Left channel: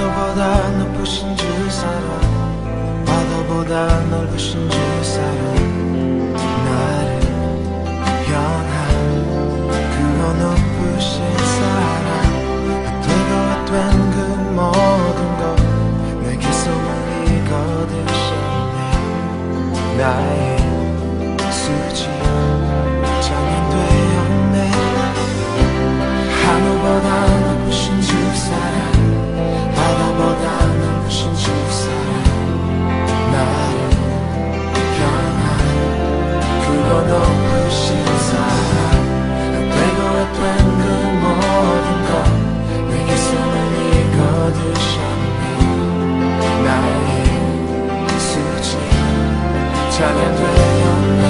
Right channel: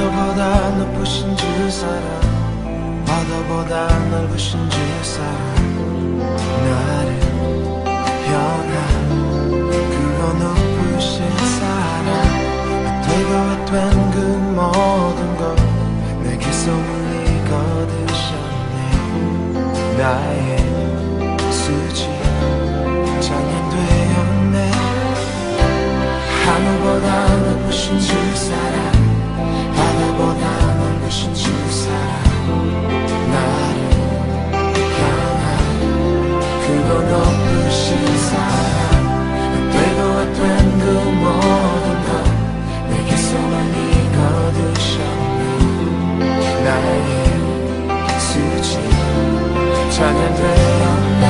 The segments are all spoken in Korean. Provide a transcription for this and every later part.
하늘보다 높으신 주 사랑, 바다보다 넓으신 주 사랑, 나를 향한 그거 높으신 사랑, 되고 된 그 모든 것 내게 소문이 거두셨네. 나의 수지 찬양되었네. 하늘보다 높으신 주 사랑, 바다보다 넓으신 주 사랑, 나를 향한 그거 높으신 사랑, 되고 된 그 모든 것 내게 소문이 거두셨네. 나의 수지 찬양되었네.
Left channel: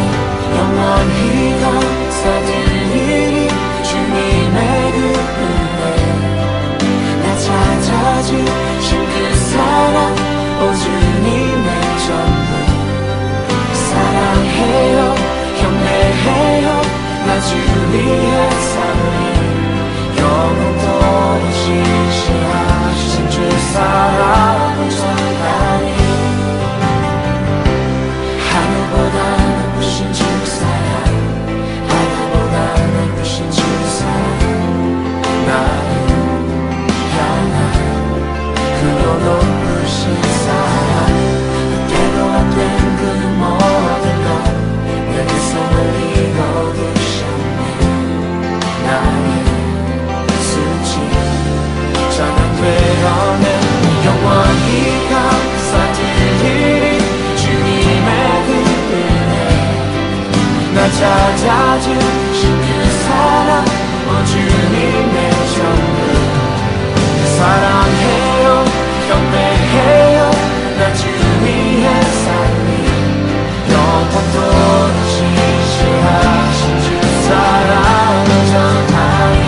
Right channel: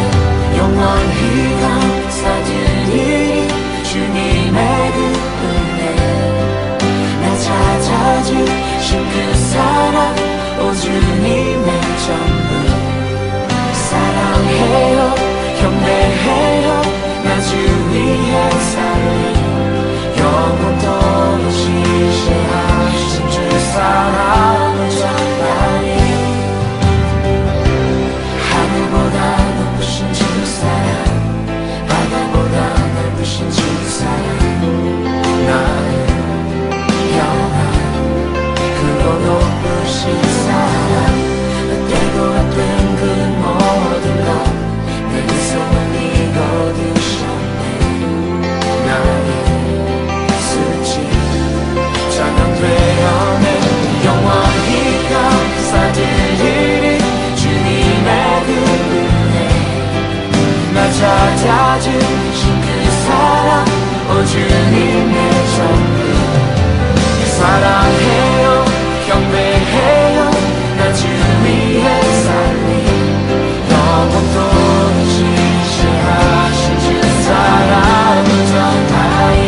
영원히 감사드리리 주님의 그 은혜, 나 찾아주신 그 사랑, 오 주님의 전부. 사랑해요, 경배해요, 나 주 위에 살리. 영원토록 지시하신 주 사랑을 전하니. 하늘보다 높으신 주 사랑, 바다보다 넓으신 주 사랑, 나를 향한 그거 높으신 사랑, 되고 안 된 그 모든 것 내게 소문이 거두셨네. 나의 수지 찬양되었네. 영원히 감사드리리 주님의 그 은혜, 나 찾아주신 그 사랑, 오 주님의 전부. 사랑해요, 경배해요, 나 주 위에 살리. 영원토록 지시하신 주 사랑을 전하니.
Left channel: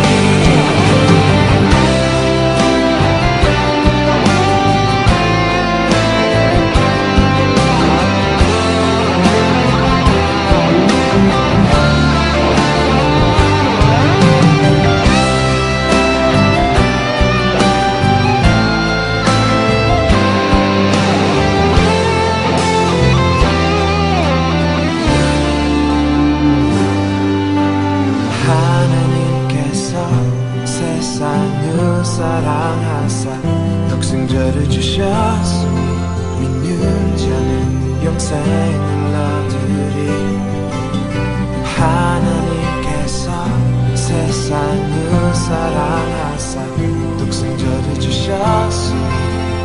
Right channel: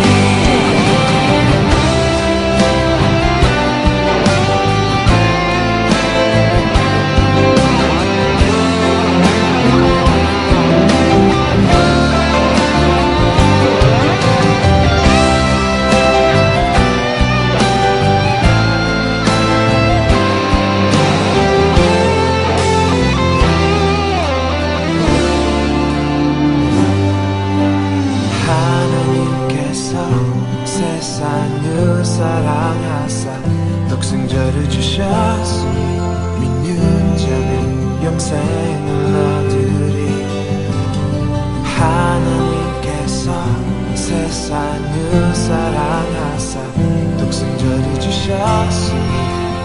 세상을 사랑하사 독생자를 주셨으니 믿는 자는 영생을 얻으리. 하나님께서 세상을 사랑하사 독생자를 주셨으니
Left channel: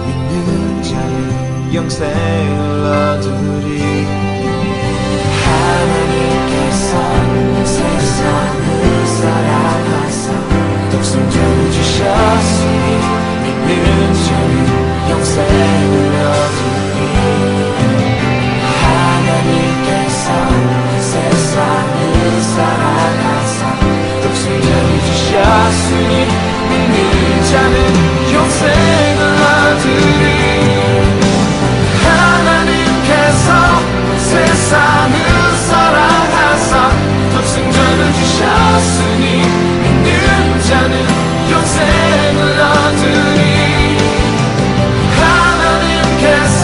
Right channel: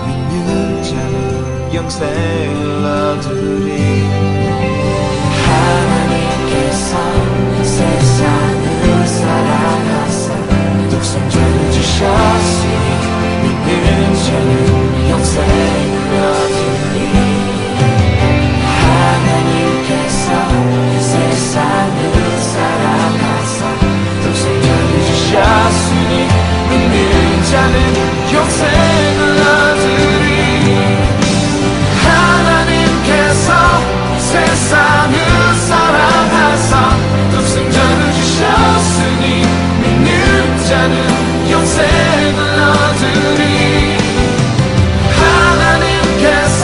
믿는 자는 영생을 얻으리. 하나님께서 세상을 사랑하사 독생자를 주셨으니 믿는 자는 영생을 얻으리. 하나님께서 세상을 사랑하사 독생자를 주셨으니 믿는 자는 영생을 얻으리. 하나님께서 세상을 사랑하사 독생자를 주셨으니 믿는 자는 영생을 얻으리. 하나님께서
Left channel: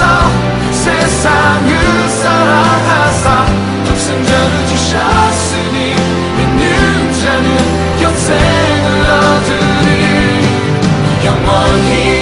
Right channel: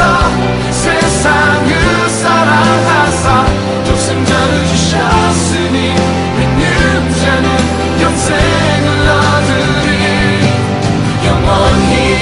세상을 사랑하사 독생자를 주셨으니 믿는 자는 영생을 얻으리. 영원히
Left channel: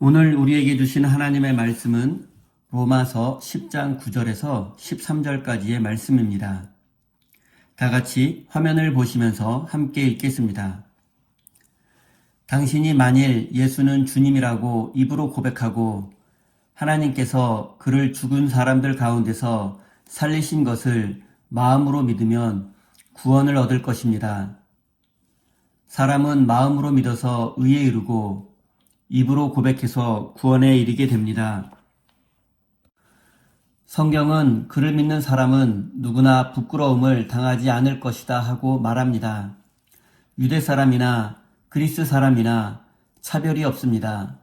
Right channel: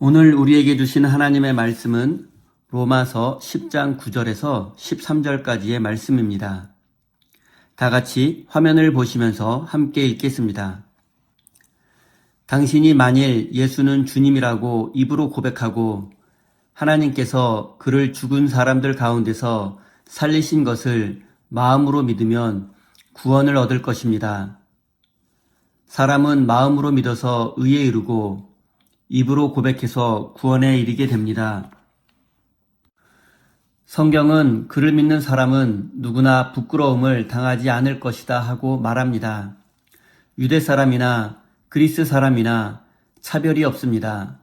오늘 우리에게 주신 하나님의 말씀은 로마서 10장 9절에서 13절까지의 말씀입니다. 다 같이 화면을 보시면서 함께 읽겠습니다. 당신이 만일 예수는 주님이라고 입으로 고백하고 하나님께서 그를 죽은 사람들 가운데서 살리신 것을 마음으로 믿으면 구원을 얻을 것입니다. 사람은 마음으로 믿어서 의에 이르고 입으로 고백해서 구원에 이르게 됩니다. 성경은 그를 믿는 사람은 누구나 부끄러움을 당하지 않을 것이다 하고 말합니다. 유대 사람이나 그리스 사람이나 차별이 없습니다.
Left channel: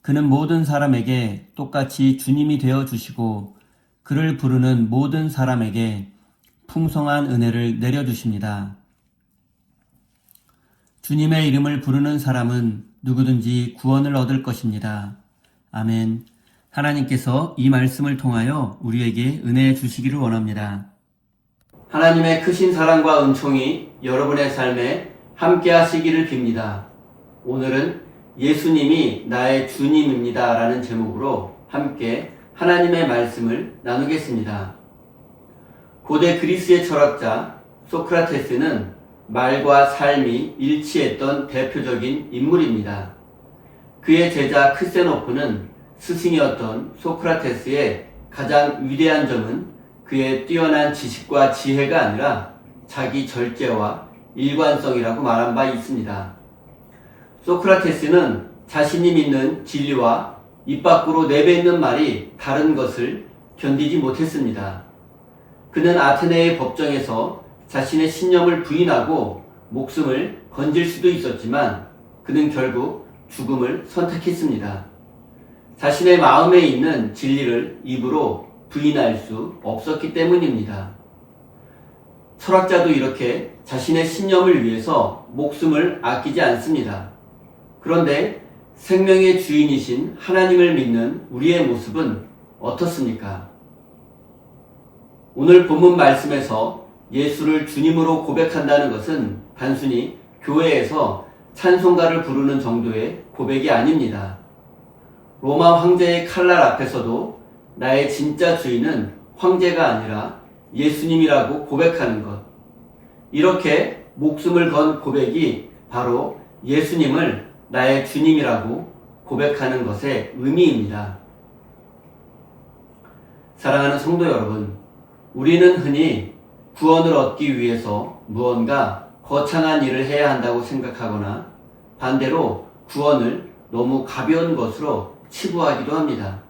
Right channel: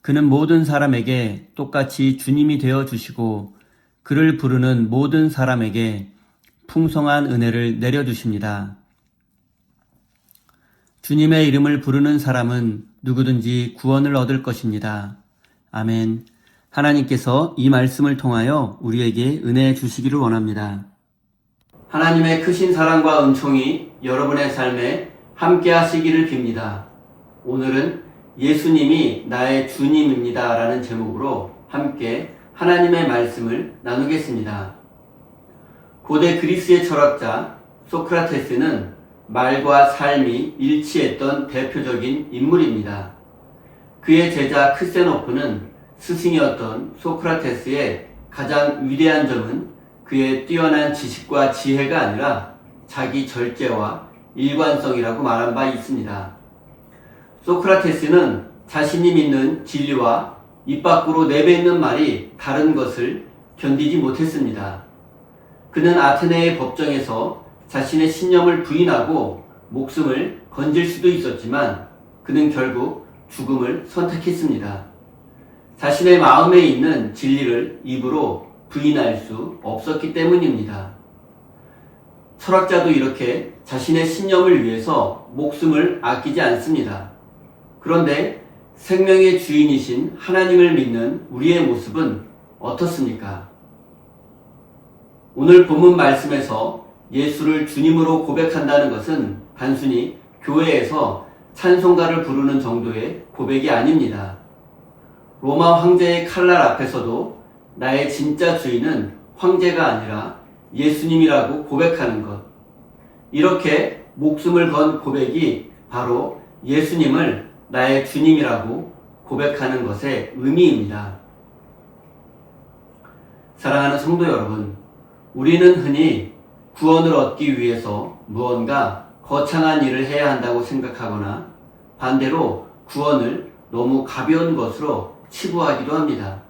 그는 모든 사람에게 똑같이 주님이 되어 주시고 그를 부르는 모든 사람에게 풍성한 은혜를 내려주십니다. 주님의 이름을 부르는 사람은 누구든지 구원을 얻을 것입니다. 아멘. 하나님께서 이 말씀을 통하여 우리에게 은혜 주시기를 원합니다. 하나님의 크신 사랑과 은총이 여러분의 삶에 함께 하시기를 빕니다. 오늘은 예수님이 나의 주님입니다 라는 제목으로 함께 하나님의 말씀을 나누겠습니다. 고대 그리스의 철학자 소크라테스는 말과 삶이 일치했던 대표적인 인물입니다. 그의 제자 크세노프는 스승이었던 소크라테스의 가장 위대한 점은 그의 뛰어난 지식과 지혜가 아니라 자기 절제와 일관성이라고 말한 바 있습니다. 소크라테스는 자신이 믿는 진리와 입 밖으로 내뱉는 말이 다른 것을 견디지 못했습니다. 그는 아테네의 법정에서 자신의 신념을 부인하고 목숨을 건질 수도 있었지만 그는 결국 죽음을 선택했습니다. 자신의 마음에 있는 진리를 입으로 부인할 수 없었기 때문입니다. 철학자도 이렇게 자신의 신념을 위해서 목숨을 아끼지 않습니다. 그런데 생명의 주인이신 하나님을 믿는 우리의 모습은 어떻습니까? 오늘 본문 말씀에서 예수를 주님으로 고백한다는 것은 단순히 교회에서 찬송가를 부르는 정도의 고백이 아닙니다. 로마 황제의 칼날 앞에서도 나의 진짜 주인은 황제가 아니라 예수님이라고 고백하는 것. 이렇게 목숨을 건 고백이 바로 예수님을 나의 주님이라고 고백하는 것의 의미입니다. 사랑하는 성도 여러분, 우리는 흔히 구원을 얻기 위해서 무언가 거창한 일을 해야 한다고 생각하거나 반대로 구원을 너무 가벼운 것으로 치부하기도 합니다.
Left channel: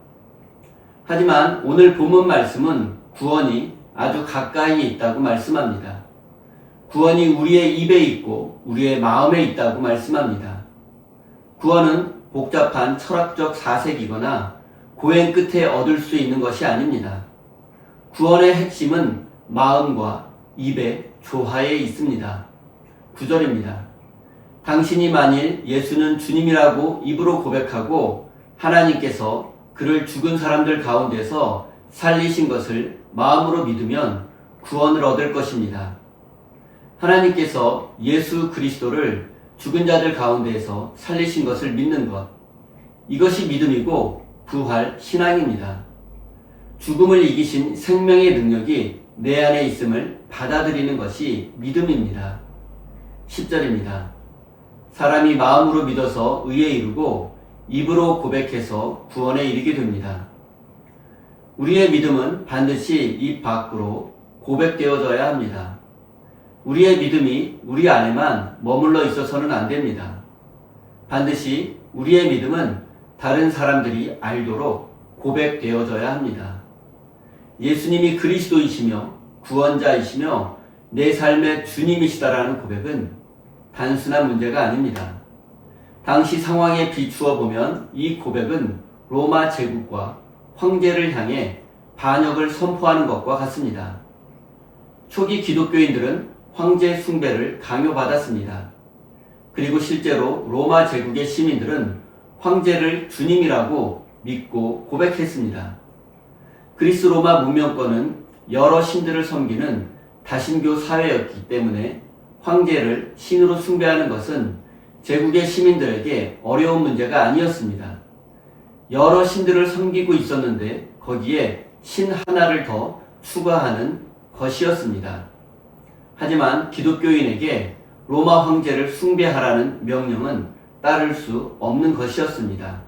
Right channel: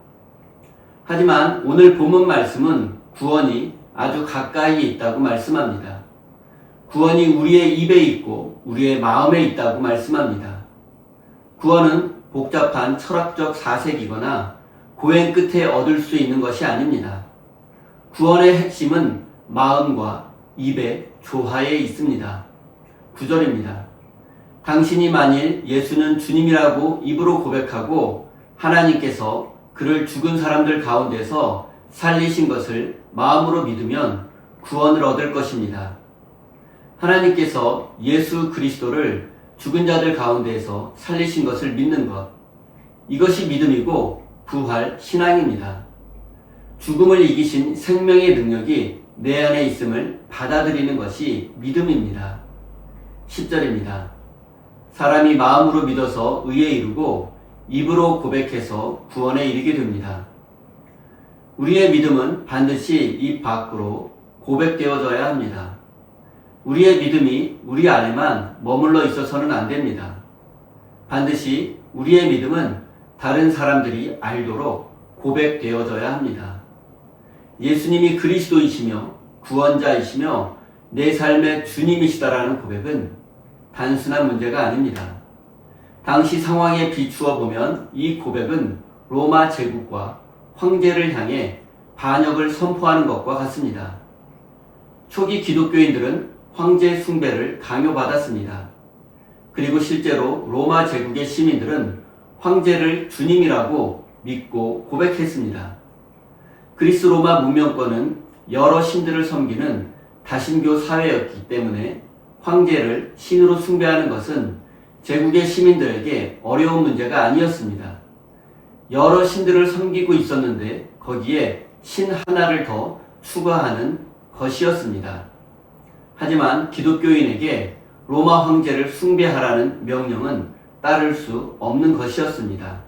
하지만 오늘 본문 말씀은 구원이 아주 가까이에 있다고 말씀합니다. 구원이 우리의 입에 있고 우리의 마음에 있다고 말씀합니다. 구원은 복잡한 철학적 사색이거나 고행 끝에 얻을 수 있는 것이 아닙니다. 구원의 핵심은 마음과 입의 조화에 있습니다. 9절입니다. 당신이 만일 예수는 주님이라고 입으로 고백하고 하나님께서 그를 죽은 사람들 가운데서 살리신 것을 마음으로 믿으면 구원을 얻을 것입니다. 하나님께서 예수 그리스도를 죽은 자들 가운데에서 살리신 것을 믿는 것, 이것이 믿음이고 부활 신앙입니다. 죽음을 이기신 생명의 능력이 내 안에 있음을 받아들이는 것이 믿음입니다. 10절입니다. 사람이 마음으로 믿어서 의에 이르고 입으로 고백해서 구원에 이르게 됩니다. 우리의 믿음은 반드시 입 밖으로 고백되어져야 합니다. 우리의 믿음이 우리 안에만 머물러 있어서는 안 됩니다. 반드시 우리의 믿음은 다른 사람들이 알도록 고백되어져야 합니다. 예수님이 그리스도이시며 구원자이시며 내 삶의 주님이시다라는 고백은 단순한 문제가 아닙니다. 당시 상황에 비추어 보면 이 고백은 로마 제국과 황제를 향해 반역을 선포하는 것과 같습니다. 초기 기독교인들은 황제 숭배를 강요받았습니다. 그리고 실제로 로마 제국의 시민들은 황제를 주님이라고 믿고 고백했습니다. 그리스 로마 문명권은 여러 신들을 섬기는 다신교 사회였기 때문에 황제를 신으로 숭배하는 것은 제국의 시민들에게 어려운 문제가 아니었습니다. 여러 신들을 섬기고 있었는데 거기에 신 하나를 더 추가하는 것이었습니다. 하지만 기독교인에게 로마 황제를 숭배하라는 명령은 따를 수 없는 것이었습니다.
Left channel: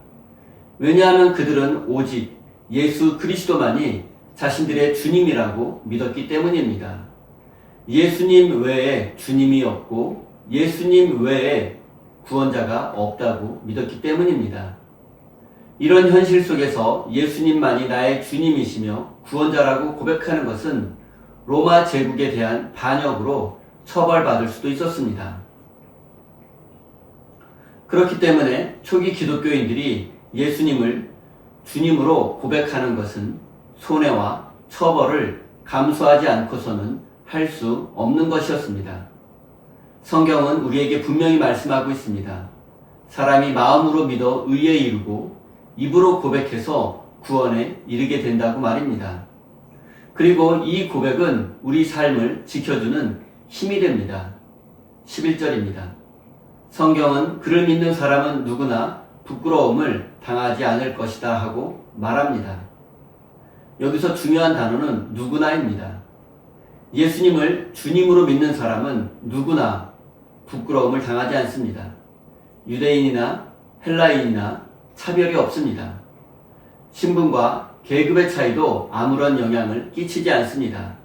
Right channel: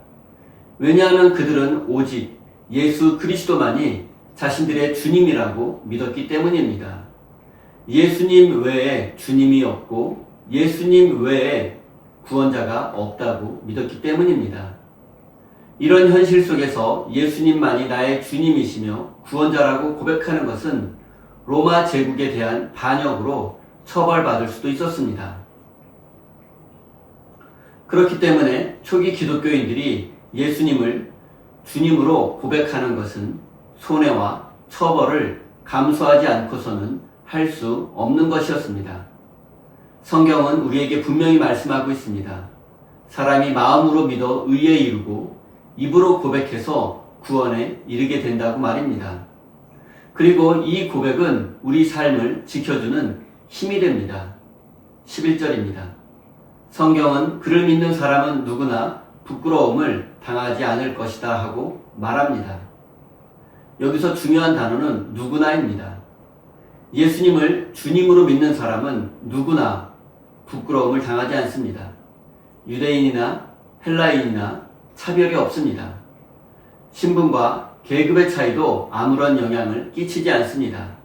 왜냐하면 그들은 오직 예수 그리스도만이 자신들의 주님이라고 믿었기 때문입니다. 예수님 외에 주님이 없고 예수님 외에 구원자가 없다고 믿었기 때문입니다. 이런 현실 속에서 예수님만이 나의 주님이시며 구원자라고 고백하는 것은 로마 제국에 대한 반역으로 처벌받을 수도 있었습니다. 그렇기 때문에 초기 기독교인들이 예수님을 주님으로 고백하는 것은 손해와 처벌을 감수하지 않고서는 할 수 없는 것이었습니다. 성경은 우리에게 분명히 말씀하고 있습니다. 사람이 마음으로 믿어 의에 이르고 입으로 고백해서 구원에 이르게 된다고 말입니다. 그리고 이 고백은 우리 삶을 지켜주는 힘이 됩니다. 11절입니다. 성경은 그를 믿는 사람은 누구나 부끄러움을 당하지 않을 것이다 하고 말합니다. 여기서 중요한 단어는 누구나입니다. 예수님을 주님으로 믿는 사람은 누구나 부끄러움을 당하지 않습니다. 유대인이나 헬라인이나 차별이 없습니다. 신분과 계급의 차이도 아무런 영향을 끼치지 않습니다.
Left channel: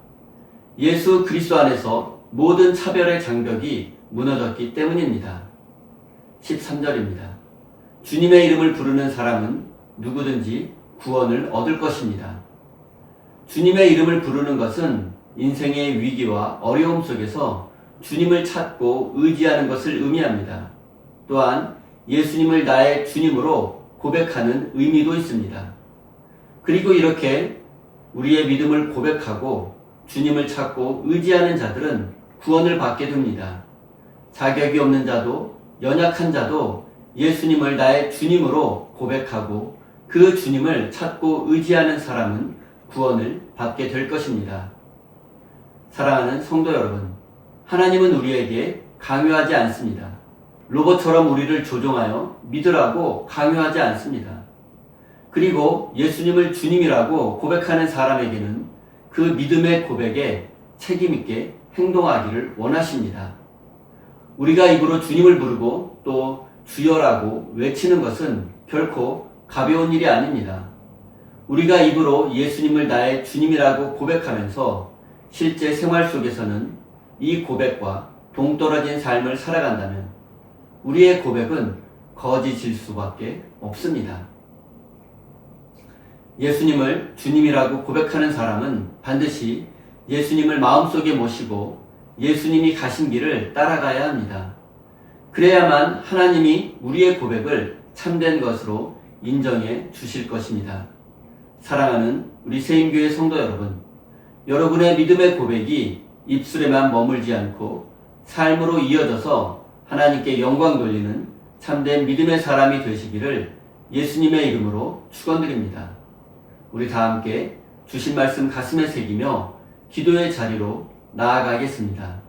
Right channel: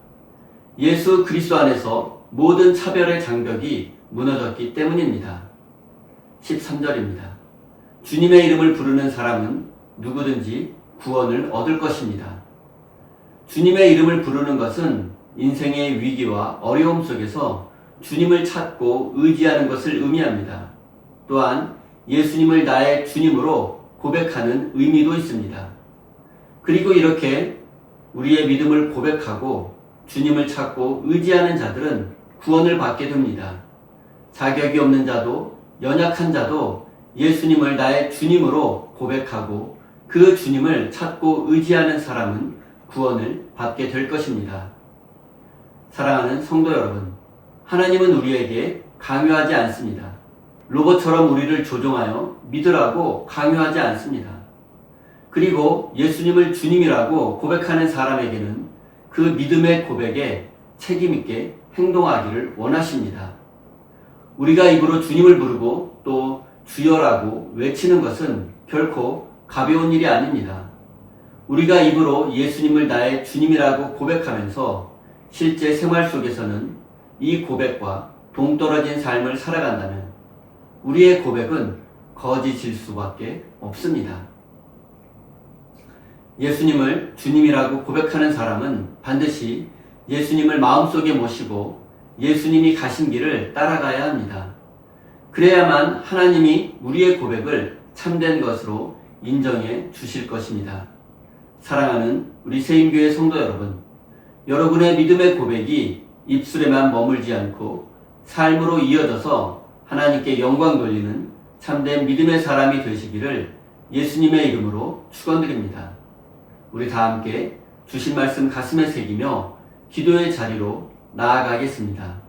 예수 그리스도 안에서 모든 차별의 장벽이 무너졌기 때문입니다. 13절입니다. 주님의 이름을 부르는 사람은 누구든지 구원을 얻을 것입니다. 주님의 이름을 부르는 것은 인생의 위기와 어려움 속에서 주님을 찾고 의지하는 것을 의미합니다. 또한 예수님을 나의 주님으로 고백하는 의미도 있습니다. 그리고 이렇게 우리의 믿음을 고백하고 주님을 찾고 의지하는 자들은 구원을 받게 됩니다. 자격이 없는 자도 연약한 자도 예수님을 나의 주님으로 고백하고 그 주님을 찾고 의지하는 사람은 구원을 받게 될 것입니다. 사랑하는 성도 여러분, 하나님은 우리에게 강요하지 않습니다. 로봇처럼 우리를 조종하여 믿으라고 강요하지 않습니다. 그리고 예수님을 주님이라고 고백하는 사람에게는 그 믿음의 고백에 책임있게 행동하기를 원하십니다. 우리가 입으로 주님을 부르고 또 주여라고 외치는 것은 결코 가벼운 일이 아닙니다. 우리가 입으로 예수님을 나의 주님이라고 고백하면서 실제 생활 속에서는 이 고백과 동떨어진 삶을 살아간다면 우리의 고백은 거짓일 수밖에 없습니다. 예수님을 주님이라고 고백하는 사람은 반드시 예수님을 마음속에 모시고 예수님이 가신 길을 따라가야 합니다. 그래야만 하나님이 우리의 고백을 참된 것으로 인정해 주실 것입니다. 사랑하는 우리 세임교회 성도 여러분, 여러분의 믿음의 고백이 입술에만 머물지 않고 삶으로 이어져서 하나님께 영광 돌리는 참된 믿음의 사람이 되시기를 예수님의 이름으로 축원드립니다. 우리 다 함께 주신 말씀 가슴에 새기며 기도의 자리로 나아가겠습니다.